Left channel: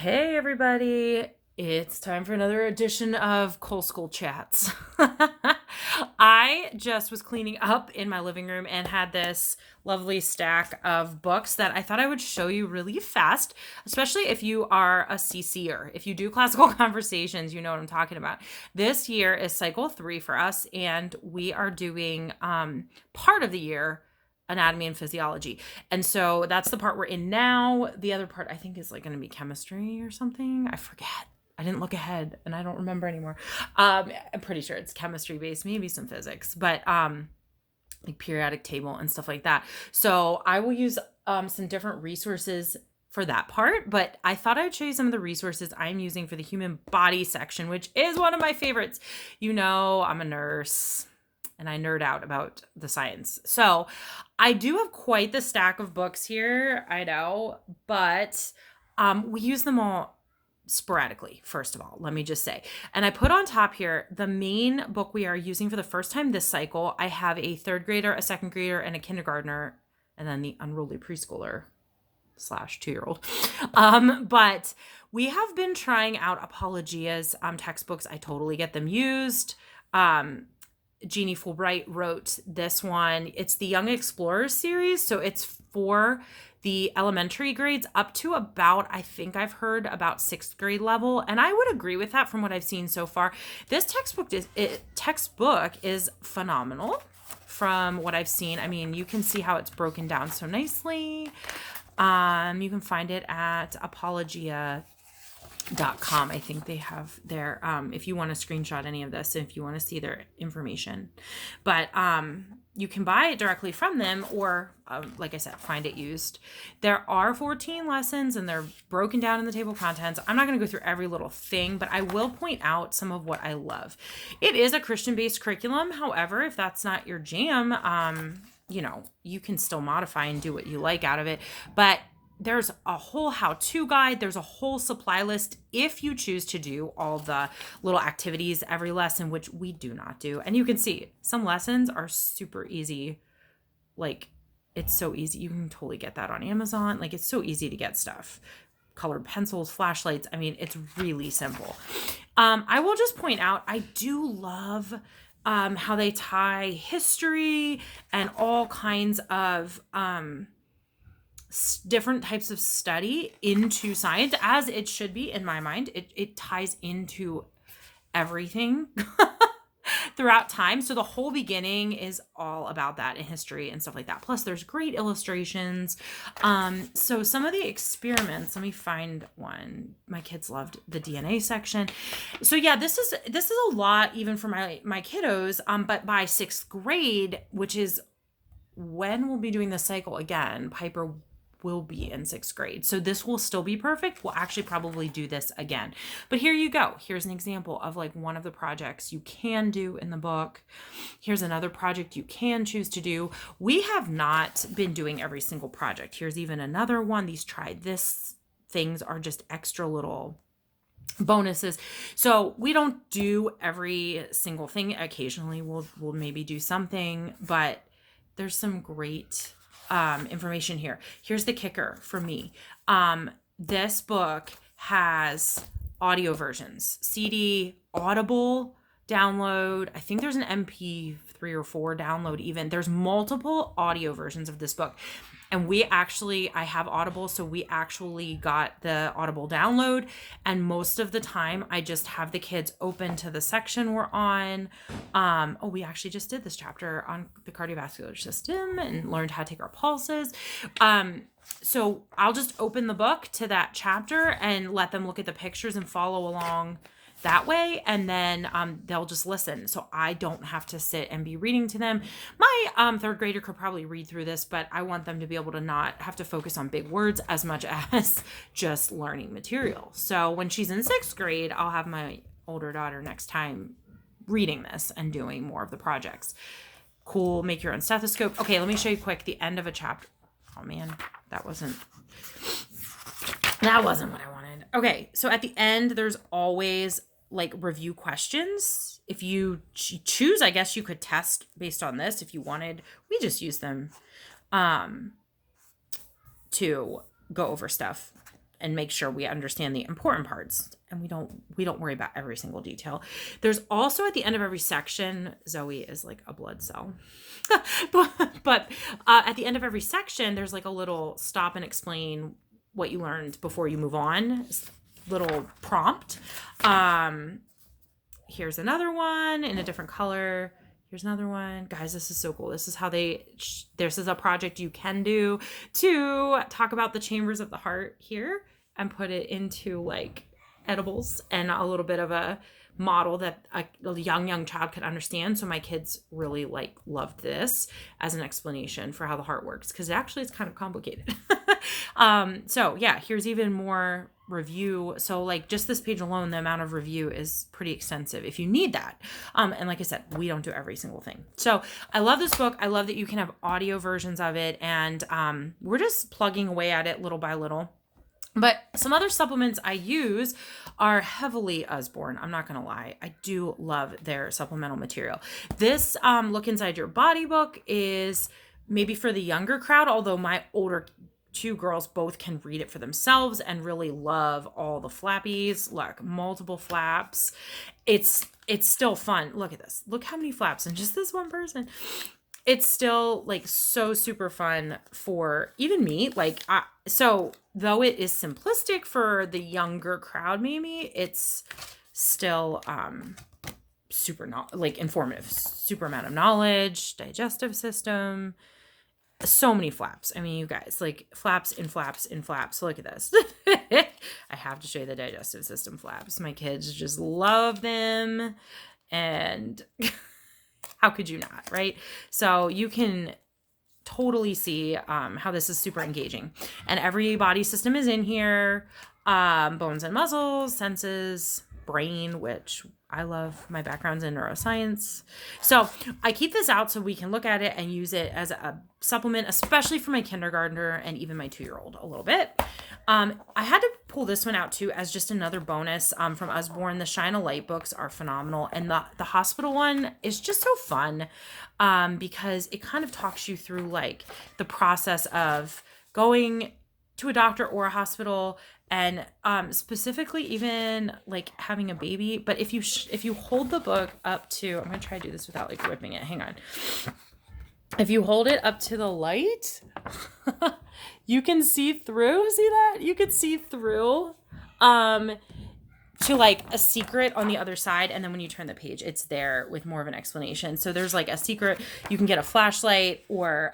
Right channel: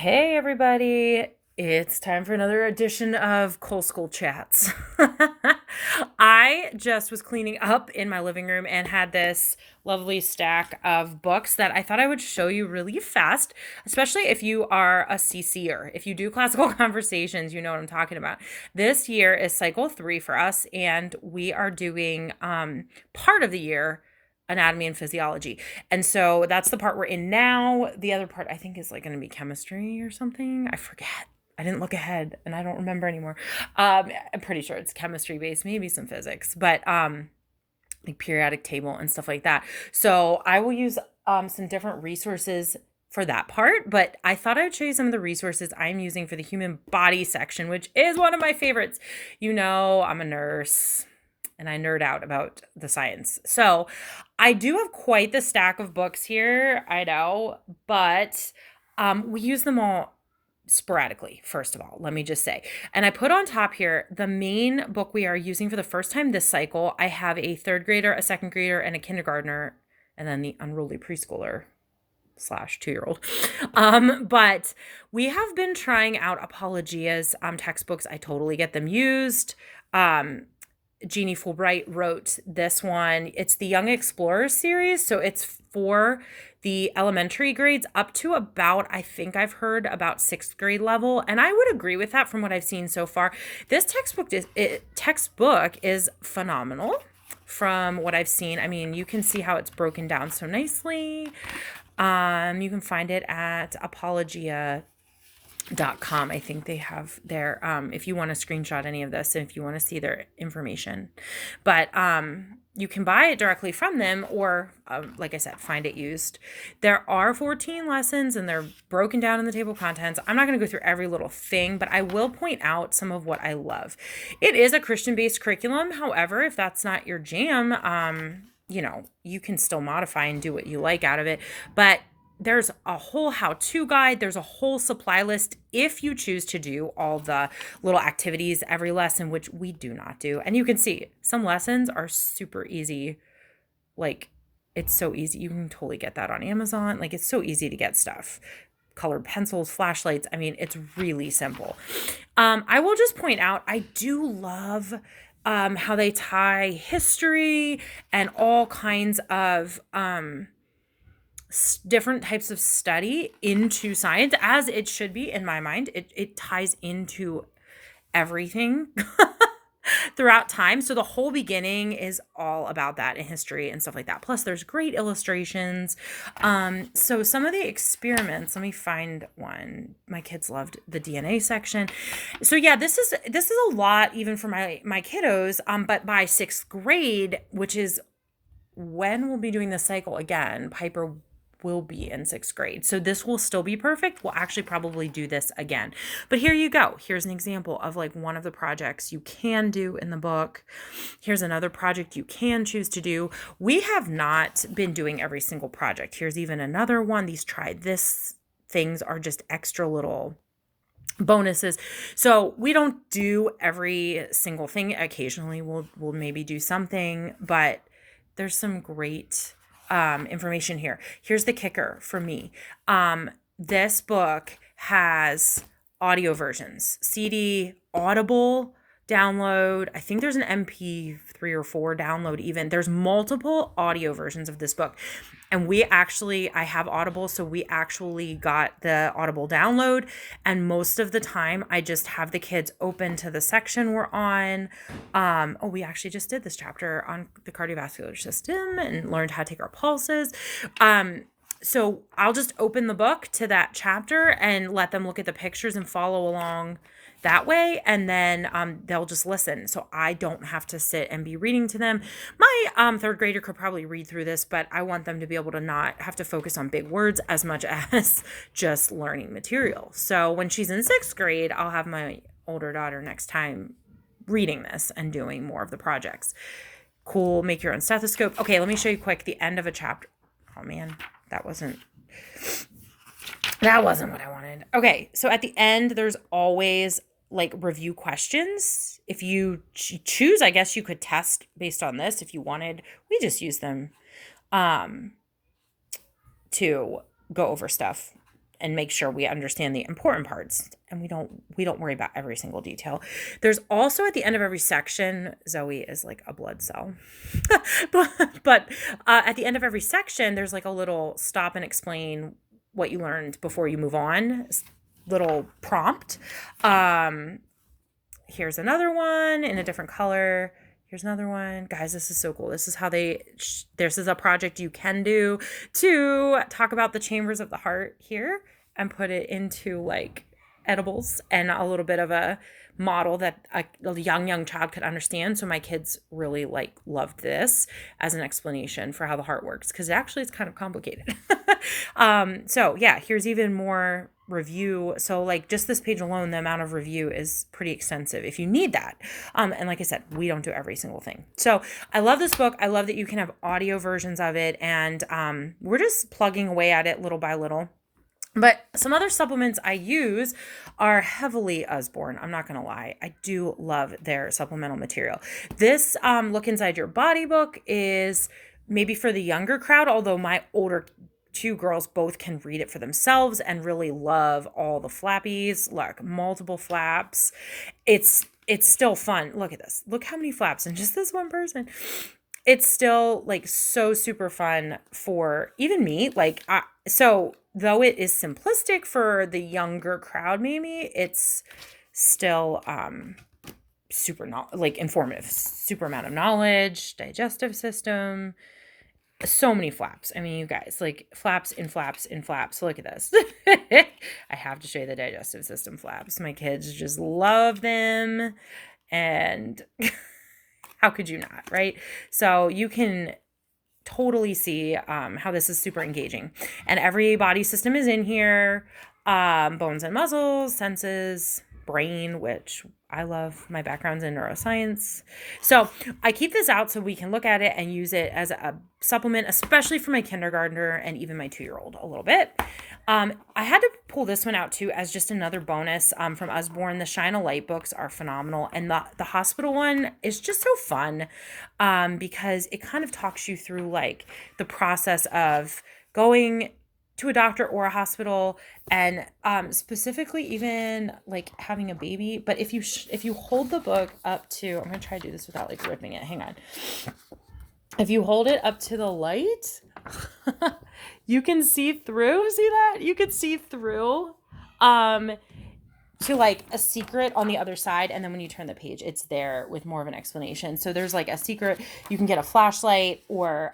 Hey everybody, it's time for another edition of Coal School Chats. I just was cleaning up in my living room and had this lovely stack of books that I thought I would show you really fast, especially if you are a CCer. If you do classical conversations, you know what I'm talking about. This year is cycle 3 for us, and we are doing part of the year anatomy and physiology. And so that's the part we're in now. The other part I think is like going to be chemistry or something. I forget. I didn't look ahead and I don't remember anymore. I'm pretty sure it's chemistry based, maybe some physics, but like periodic table and stuff like that. So I will use some different resources for that part, but I thought I would show you some of the resources I'm using for the human body section, which is one of my favorites. You know, I'm a nurse and I nerd out about the science. So I do have quite the stack of books here, I know, but we use them all sporadically, first of all, let me just say. And I put on top here the main book we are using for the first time this cycle. I have a third grader, a second grader, and a kindergartner, and then the unruly preschooler / 2-year-old. But we have been trying out Apologia's textbooks. I totally get them used. Jeannie Fulbright wrote this one. It's the Young Explorers series. So it's for the elementary grades up to about, I think I've heard about 6th grade level. And I would agree with that from what I've seen so far. This textbook is phenomenal from what I've seen. I mean, you can see how it's broken down so nicely. You can find it at apologia.com. I think they have their if you want to screenshot any of this and if you want to see their information, but you can buy it directly from them or like I said, find it used. There are 14 lessons and they're broken down in the table of contents. I'm not going to go through every little thing, but I will point out some of what I love. It is a Christian-based curriculum. However, if that's not your jam, you know, you can still modify and do what you like out of it. But there's a whole how-to guide. There's a whole supply list if you choose to do all the little activities every lesson, which we do not do. And you can see some lessons are super easy. Like, it's so easy. You can totally get that on Amazon. Like, it's so easy to get stuff. Colored pencils, flashlights. I mean, it's really simple. I will just point out, I do love how they tie history and all kinds of different types of study into science, as it should be in my mind. It ties into everything throughout time. So the whole beginning is all about that in history and stuff like that. Plus there's great illustrations. So some of the experiments, let me find one. My kids loved the DNA section. So yeah, this is a lot even for my kiddos. But by 6th grade, which is when we'll be doing the cycle again, Piper will be in 6th grade. So this will still be perfect. We'll actually probably do this again. But here you go. Here's an example of like one of the projects you can do in the book. Here's another project you can choose to do. We have not been doing every single project. Here's even another one. These try this things are just extra little bonuses. So we don't do every single thing. Occasionally we'll maybe do something, but there's some great information here. Here's the kicker for me. This book has audio versions, CD, Audible download. I think there's an MP3 or 4 download even. There's multiple audio versions of this book. And I have Audible, so we actually got the Audible download. And most of the time, I just have the kids open to the section we're on. We actually just did this chapter on the cardiovascular system and learned how to take our pulses. So I'll just open the book to that chapter and let them look at the pictures and follow along that way, and then they'll just listen. So I don't have to sit and be reading to them. My 3rd grader could probably read through this, but I want them to be able to not have to focus on big words as much as just learning material. So when she's in 6th grade, I'll have my older daughter next time reading this and doing more of the projects. Cool. Make your own stethoscope. Okay, let me show you quick the end of a chapter. Oh man, that wasn't what I wanted. Okay, so at the end, there's always like review questions. If you choose, I guess you could test based on this if you wanted. We just use them to go over stuff and make sure we understand the important parts, and we don't worry about every single detail. There's also at the end of every section, Zoe is like a blood cell. but at the end of every section, there's like a little stop and explain what you learned before you move on, little prompt. Here's another one in a different color. Here's another one. Guys, this is so cool. This is how this is a project you can do to talk about the chambers of the heart here and put it into like edibles and a little bit of a model that a young child could understand. So my kids really like loved this as an explanation for how the heart works, because actually it's kind of complicated. So yeah, here's even more review. So like just this page alone, the amount of review is pretty extensive if you need that. And like I said, we don't do every single thing. So I love this book. I love that you can have audio versions of it, and we're just plugging away at it little by little. But some other supplements I use are heavily Usborne. I'm not going to lie. I do love their supplemental material. This Look Inside Your Body book is maybe for the younger crowd, although my older two girls both can read it for themselves and really love all the flappies, like multiple flaps. It's still fun. Look at this. Look how many flaps in just this one person. It's still like so super fun for even me. Like, so though it is simplistic for the younger crowd, maybe it's still super like informative, super amount of knowledge, digestive system, so many flaps. I mean, you guys, like flaps in flaps in flaps. Look at this. I have to show you the digestive system flaps. My kids just love them, and how could you not, right? So you can totally see how this is super engaging. And every body system is in here. Bones and muscles, senses, brain, which I love. My background's in neuroscience. So I keep this out so we can look at it and use it as a supplement, especially for my kindergartner and even my 2-year-old a little bit. I had to pull this one out too as just another bonus from Usborne. The Shine a Light books are phenomenal. And the hospital one is just so fun because it kind of talks you through like the process of going to a doctor or a hospital, and specifically even like having a baby. But if you hold the book up to, I'm going to try to do this without like ripping it. Hang on. If you hold it up to the light, you can see through. See that? You can see through to like a secret on the other side. And then when you turn the page, it's there with more of an explanation. So there's like a secret. You can get a flashlight or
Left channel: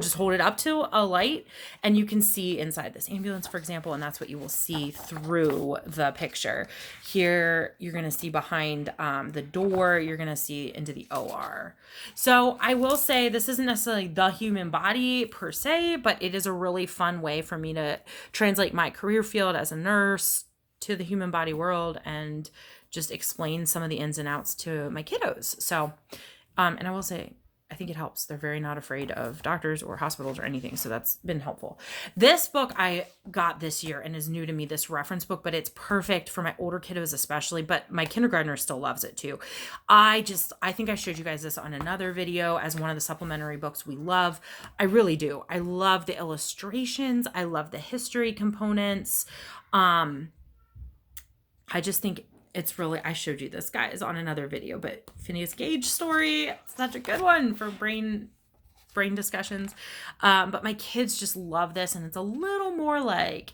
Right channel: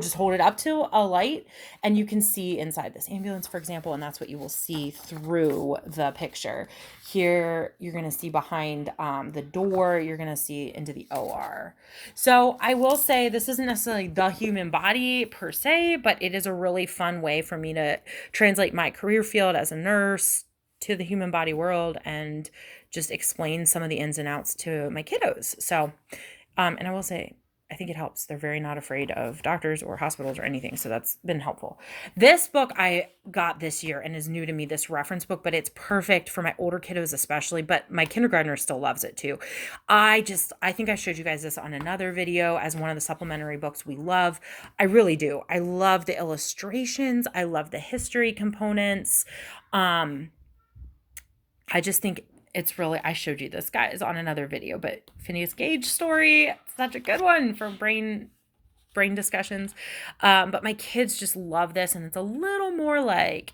just hold it up to a light and you can see inside this ambulance, for example, and that's what you will see through the picture. Here, you're going to see behind the door, you're going to see into the OR. So I will say this isn't necessarily the human body per se, but it is a really fun way for me to translate my career field as a nurse to the human body world and just explain some of the ins and outs to my kiddos. So, and I will say, I think it helps. They're very not afraid of doctors or hospitals or anything. So that's been helpful. This book I got this year and is new to me, this reference book, but it's perfect for my older kiddos especially, but my kindergartner still loves it too. I think I showed you guys this on another video as one of the supplementary books we love. I really do. I love the illustrations. I love the history components. I just think it's really, I showed you this, guys, on another video, but Phineas Gage story, it's such a good one for brain discussions. But my kids just love this, and it's a little more like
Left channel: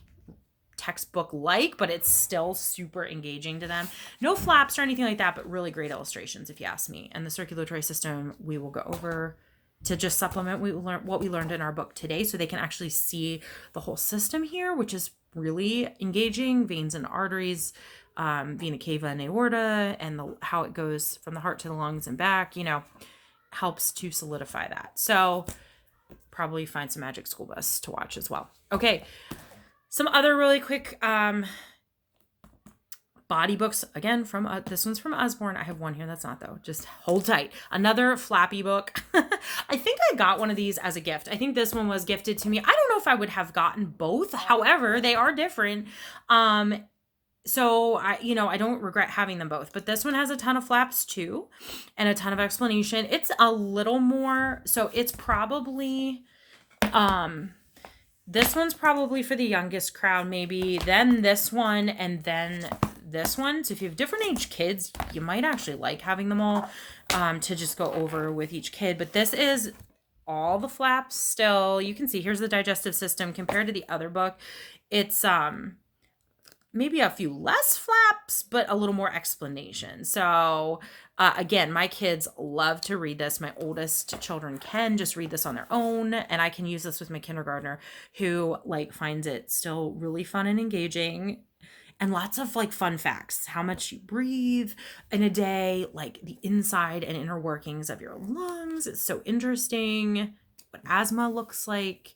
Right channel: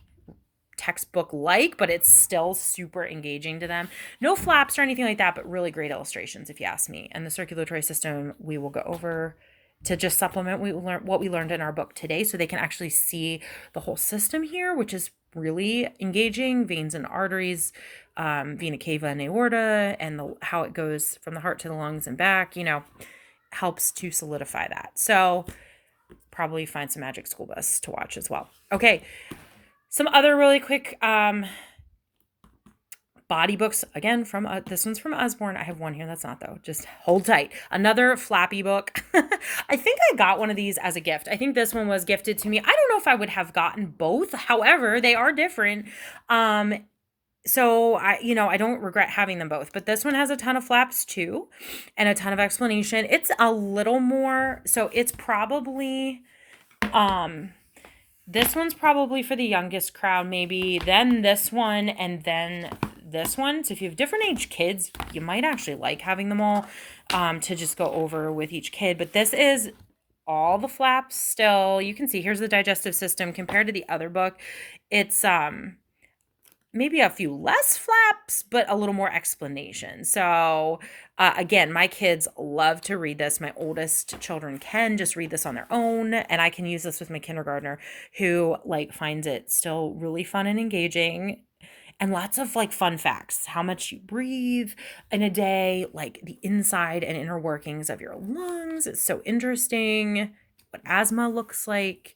textbook-like, but it's still super engaging to them. No flaps or anything like that, but really great illustrations, if you ask me. And the circulatory system, we will go over to just supplement what we learned in our book today, so they can actually see the whole system here, which is really engaging. Veins and arteries, vena cava and aorta, and how it goes from the heart to the lungs and back, helps to solidify that. So probably find some Magic School Bus to watch as well. Okay. Some other really quick body books, again, from this one's from Usborne. I have one here that's not, though. Just hold tight. Another flappy book. I think I got one of these as a gift. I think this one was gifted to me. I don't know if I would have gotten both. However, they are different. So I don't regret having them both, but this one has a ton of flaps too, and a ton of explanation. It's a little more, so it's probably, this one's probably for the youngest crowd, maybe, then this one, and then this one. So if you have different age kids, you might actually like having them all to just go over with each kid. But this is all the flaps still. You can see here's the digestive system compared to the other book. It's maybe a few less flaps, but a little more explanation. So again, my kids love to read this. My oldest children can just read this on their own, and I can use this with my kindergartner, who like finds it still really fun and engaging. And lots of like fun facts, how much you breathe in a day, like the inside and inner workings of your lungs. It's so interesting. What asthma looks like,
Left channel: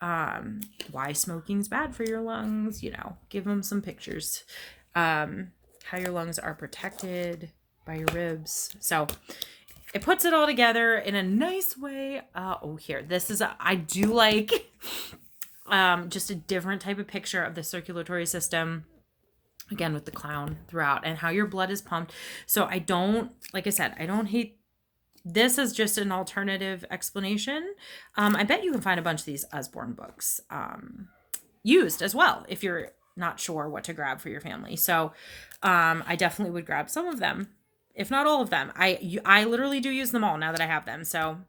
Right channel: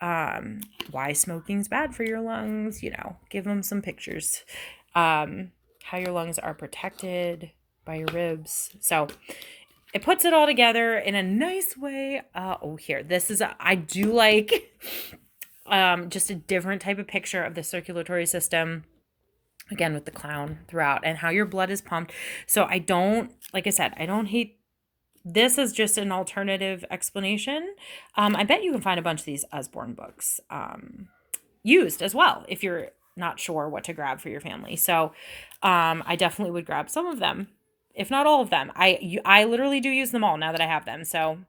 why smoking's bad for your lungs, give them some pictures, how your lungs are protected by your ribs. So it puts it all together in a nice way. Here, this is, I do like just a different type of picture of the circulatory system, again with the clown throughout, and how your blood is pumped. So I don't hate. This is just an alternative explanation. I bet you can find a bunch of these Usborne books used as well if you're not sure what to grab for your family. So I definitely would grab some of them, if not all of them. I literally do use them all now that I have them. So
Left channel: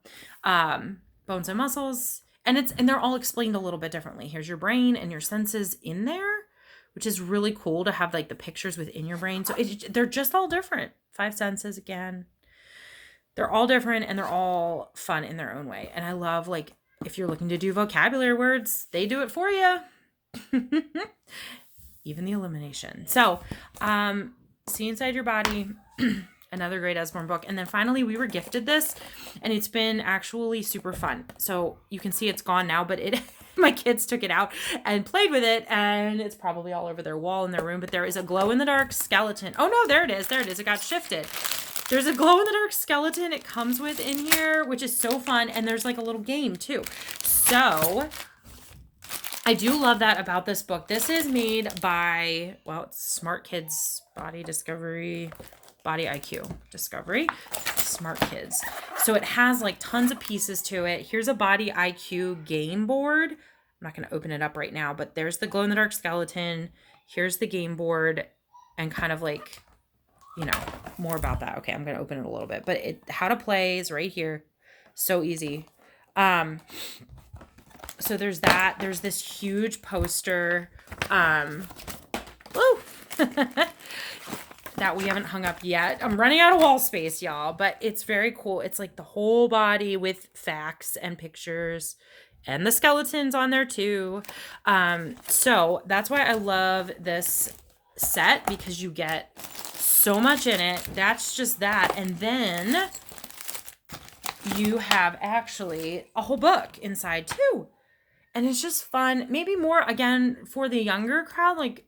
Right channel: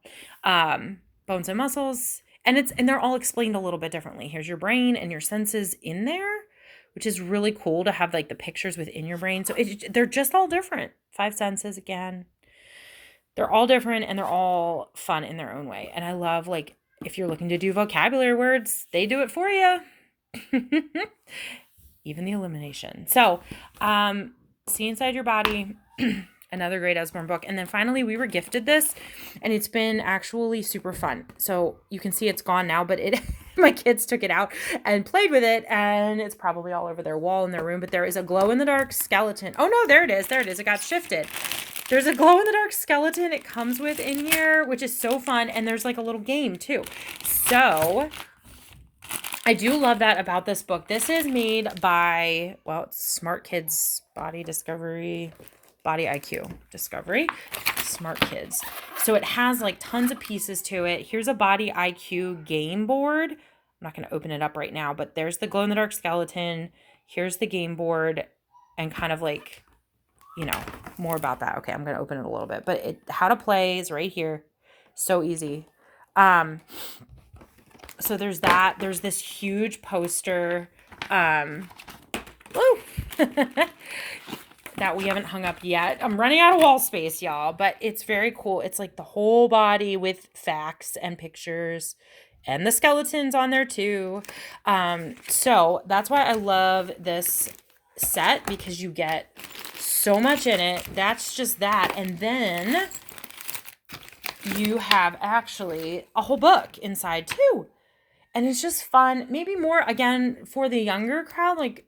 bones and muscles, and they're all explained a little bit differently. Here's your brain and your senses in there, which is really cool to have like the pictures within your brain. So they're just all different. 5 senses again. They're all different and they're all fun in their own way. And I love, like, if you're looking to do vocabulary words, they do it for you. Even the elimination. So, See Inside Your Body, another great Usborne book. And then finally, we were gifted this, and it's been actually super fun. So you can see it's gone now, but my kids took it out and played with it, and it's probably all over their wall in their room. But there is a glow-in-the-dark skeleton. Oh, no, there it is. There it is. It got shifted. There's a glow-in-the-dark skeleton it comes with in here, which is so fun. And there's like a little game too. So I do love that about this book. This is made by, it's Smart Kids Body IQ Discovery. Smart Kids. So it has like tons of pieces to it. Here's a Body IQ game board. I'm not going to open it up right now, but there's the glow-in-the-dark skeleton. Here's the game board, and kind of like, more about that. Okay, I'm going to open it a little bit, but how to play is right here. So easy. So there's that. There's this huge poster that we haven't hung up yet. I'm running out of wall space, y'all, but it's very cool. It's like the whole body with facts and pictures, and the skeletons on there too. So that's why I love this set, because you get so much in it. That's just that. And then you have actually a whole book inside too. And it's just fun. Maybe more, again, for the younger crowd, like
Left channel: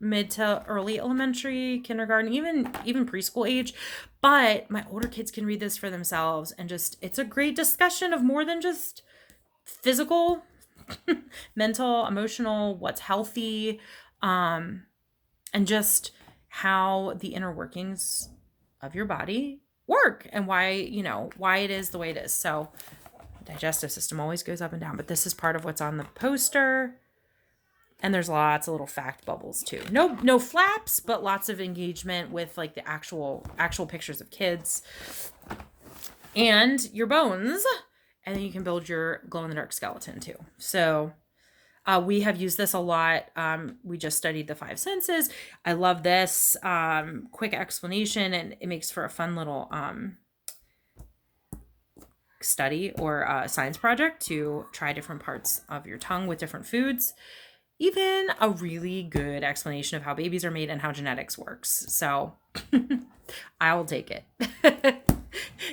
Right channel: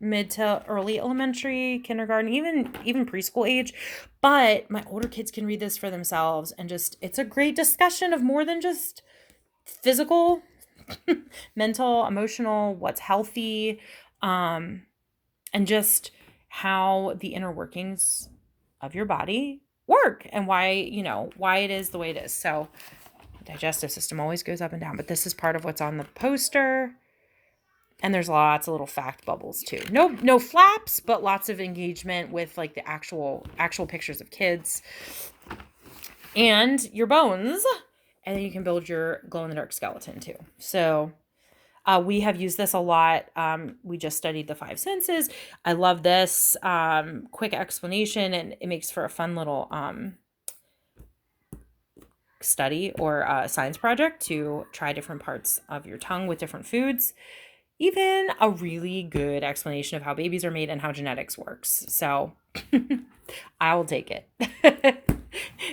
mid to early elementary, kindergarten, even preschool age. But my older kids can read this for themselves, and it's a great discussion of more than just physical, mental, emotional, what's healthy, and just how the inner workings of your body work, and why it is the way it is. So the digestive system always goes up and down, but this is part of what's on the poster. And there's lots of little fact bubbles too. No flaps, but lots of engagement with like the actual pictures of kids and your bones. And then you can build your glow-in-the-dark skeleton too. So we have used this a lot. We just studied the 5 senses. I love this quick explanation, and it makes for a fun little study or science project to try different parts of your tongue with different foods. Even a really good explanation of how babies are made and how genetics works. So I will take it.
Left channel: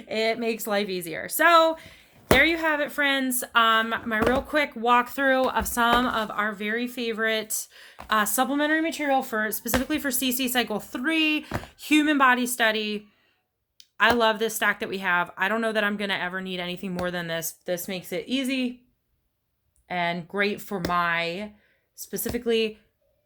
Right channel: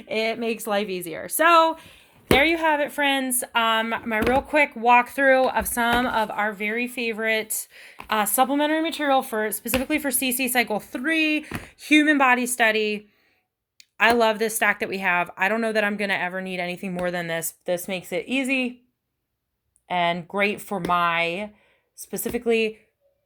It makes life easier. So there you have it, friends. My real quick walkthrough of some of our very favorite supplementary material specifically for CC Cycle 3, Human Body Study. I love this stack that we have. I don't know that I'm going to ever need anything more than this. This makes it easy and great for my specifically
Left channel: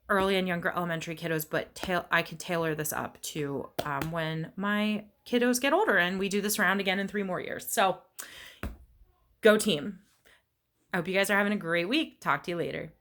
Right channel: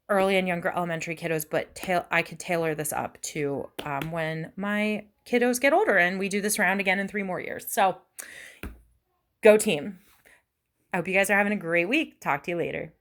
early and younger elementary kiddos, but I could tailor this up to when my kiddos get older, and we do this round again in 3 more years. So go team. I hope you guys are having a great week. Talk to you later.